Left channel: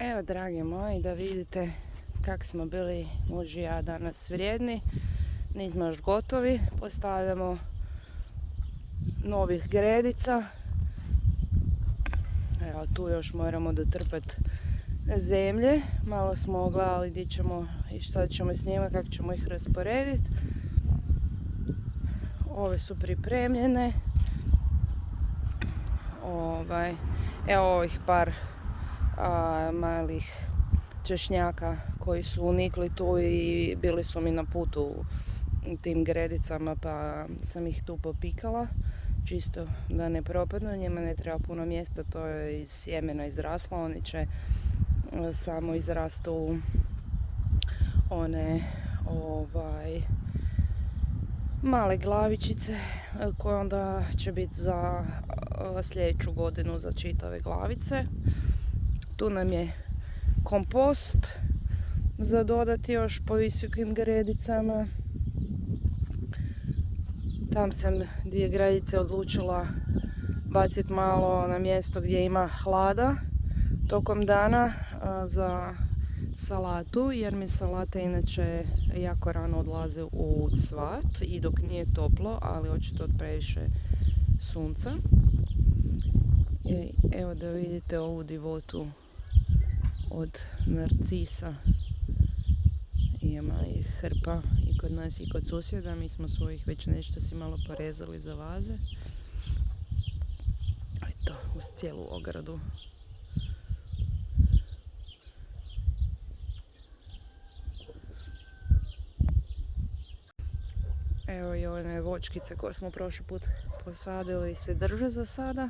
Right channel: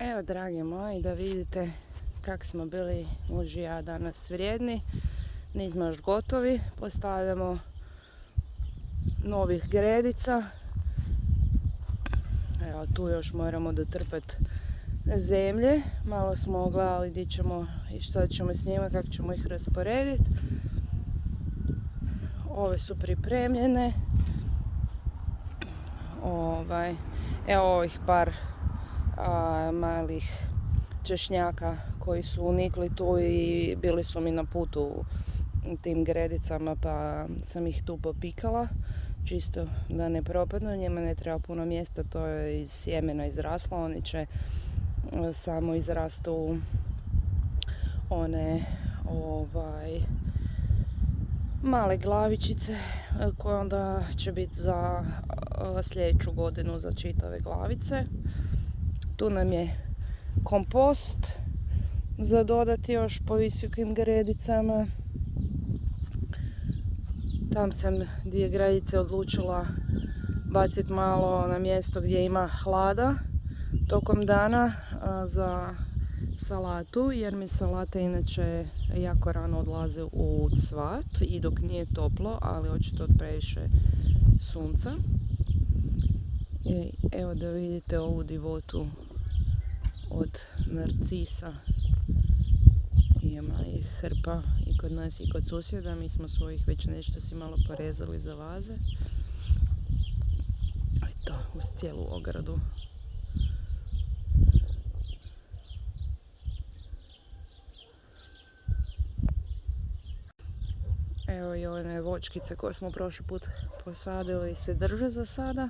Evo, dragi moji, da vidite kak smo bili muž i ja danas vrijedni. Nismo još gotovi, postavljamo novih gredica. Evo, tu još moramo dotrpati zemlje. Malo smo gledali gdje ćemo i što ćemo s njima, kako ćemo ih rasporediti. Ove su pripremljene. Evo ovih par malih češnjaka koji su unikli tu i bili su mi na putu tim gredicama, pa sam ih tu popikala čisto da ne propadnu. Njima ne treba puno mjesta, to je iz sjemena izraslo. Oni će samo izrastu one male glavičice koje onda će biti za sljedeću godinu za čitave glavice. Tu nam je kompost za dodati još po visokim gredicama. Tam sam 2 gredice odlučila baciti malo na mjesto gdje ima hlada tokom dana za salatu, jer mi salate inače jako rano odlaze u cvat i dok nije toplo, ali očito od previše sunca. Evo da vidite ovu divotu od narcisa. Ima ih hrpa i kod nas i kod susjeda. Mi smo svojih već nešto si malo porezali za vaze. Eto, uz cijelu ogradu. Evo i one voćkice koje smo prošli put posadili se drže za sada.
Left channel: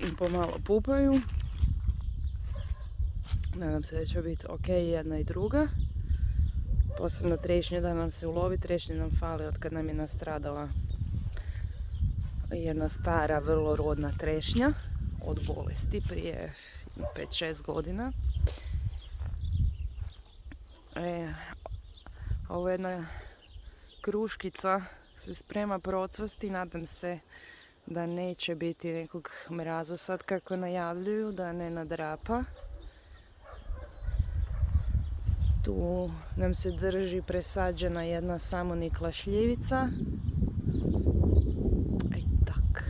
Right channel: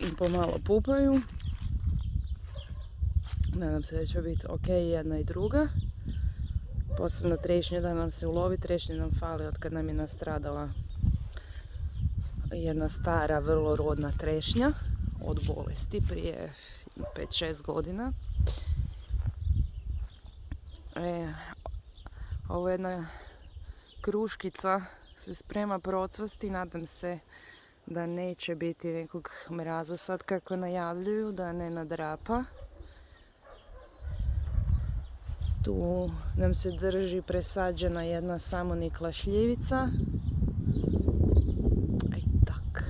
I pomalo pupaju. Nadam se da će biti ok jedna i druga. Posebno trešnje da nam se ulovi. Trešnje nam fali od kad nam je nastradala jedna stara, vrlo rodna trešnja od bolesti prije 5-6 godina. Ovo je jedna kruškica se sprema procvasti. Nadam se da neće biti nekog mraza sad kako najavljuju, da ne nadrapa. Tu nam se drži presađena jedna samonikla šljivica. I tak.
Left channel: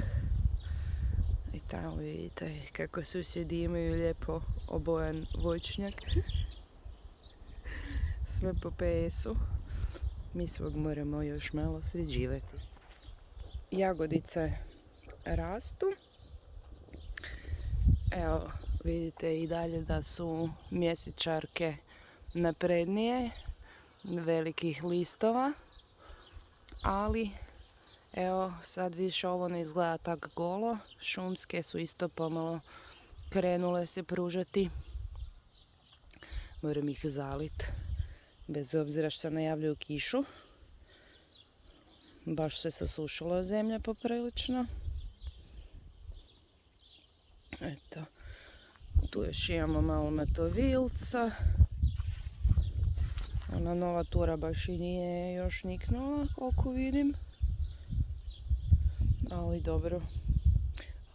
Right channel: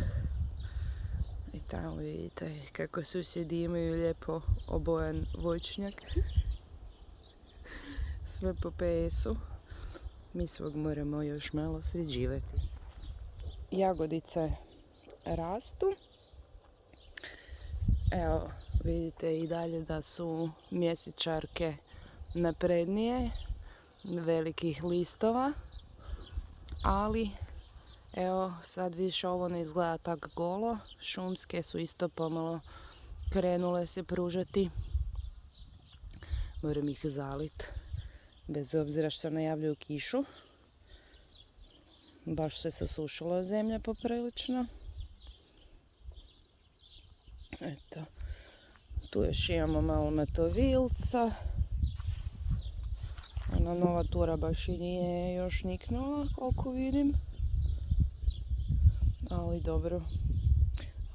I tamo vidite kako susjedi imaju lijepo obojan voćnjak. Sve po PS-u. Mi svog moramo još malo sređivati. Jagodice rastu. Evo, vidite i dalje da su mjesečarke naprednije, velikih listova, ali evo sad više ovo ne izgleda tako golo. Šumske su isto pomalo krenule se pružati. Moram ih zaliti, bez obzira što najavljuju kišu. Baš se sasušila zemlja poprilično. Eto, tu još imamo malo matovilca. Ona nova tura baš i nije još niknula, koliko vidim. Ali dobro.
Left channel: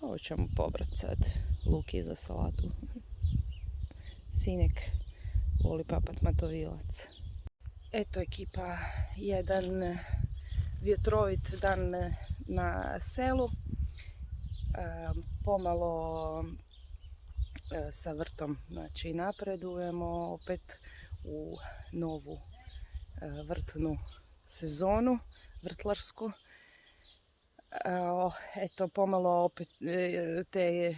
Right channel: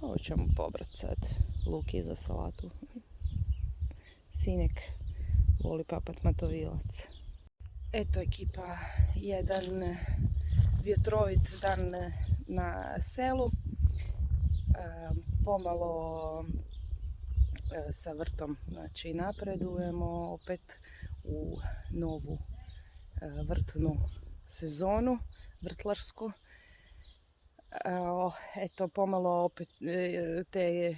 Ovo ćemo pobrati sad. Luki za salatu. Sinek voli papat matovilac. Eto ekipa, jedan vjetrovit dan na selu. Pomalo sa vrtom, znači napredujemo opet u novu vrtnu sezonu, vrtlarsku. Eto, pomalo opet te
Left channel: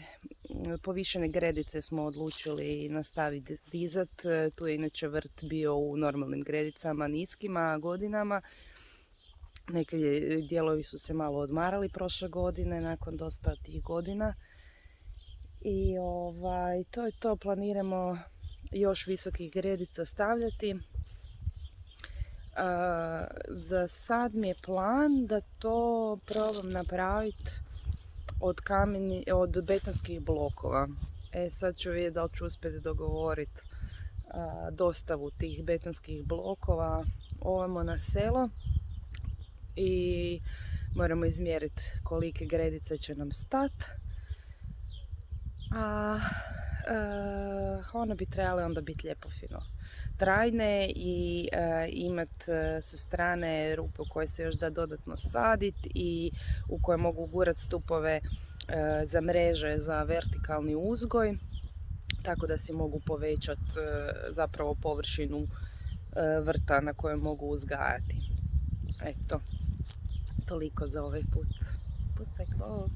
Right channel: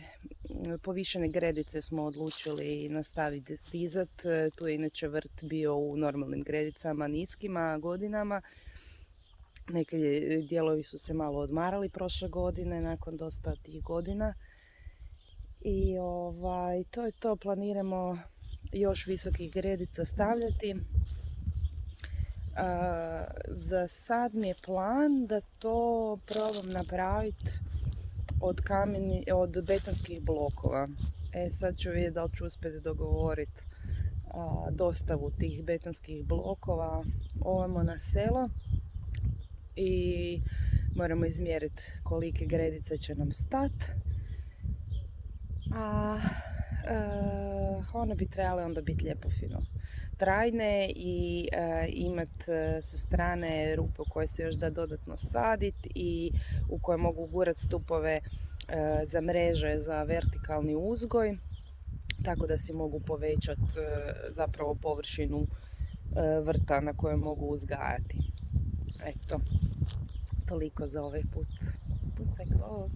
povišene gredice smo odlučili nastaviti dizat. Tu je inače vrt bio u normalnim gredicama, niskima godinama. Neki dijelovi su se malo odmarali prošle godine, nakon dosta tih godina. I to je to, planiramo još visokih gredica stavljati. Za sad mi je plan da to probam napraviti od betonskih blokova. Sad ću vidjeti da li ću uspjeti dogovoriti dostavu tih betonskih blokova ovamo na selo. I moramo izmjeriti kolike gredice će nam stati. A one bi trebale onda biti lijepo fino trajne i imat sa strane rupe u koje se još da dodatno saditi i u koje mogu gurat stupove za mreže za vertikalni uzgoj, tako da si mogu povećati zapravo površinu vrta na kojoj mogu uzgajati. Eto, toliko za ovaj put. Pustek, bok!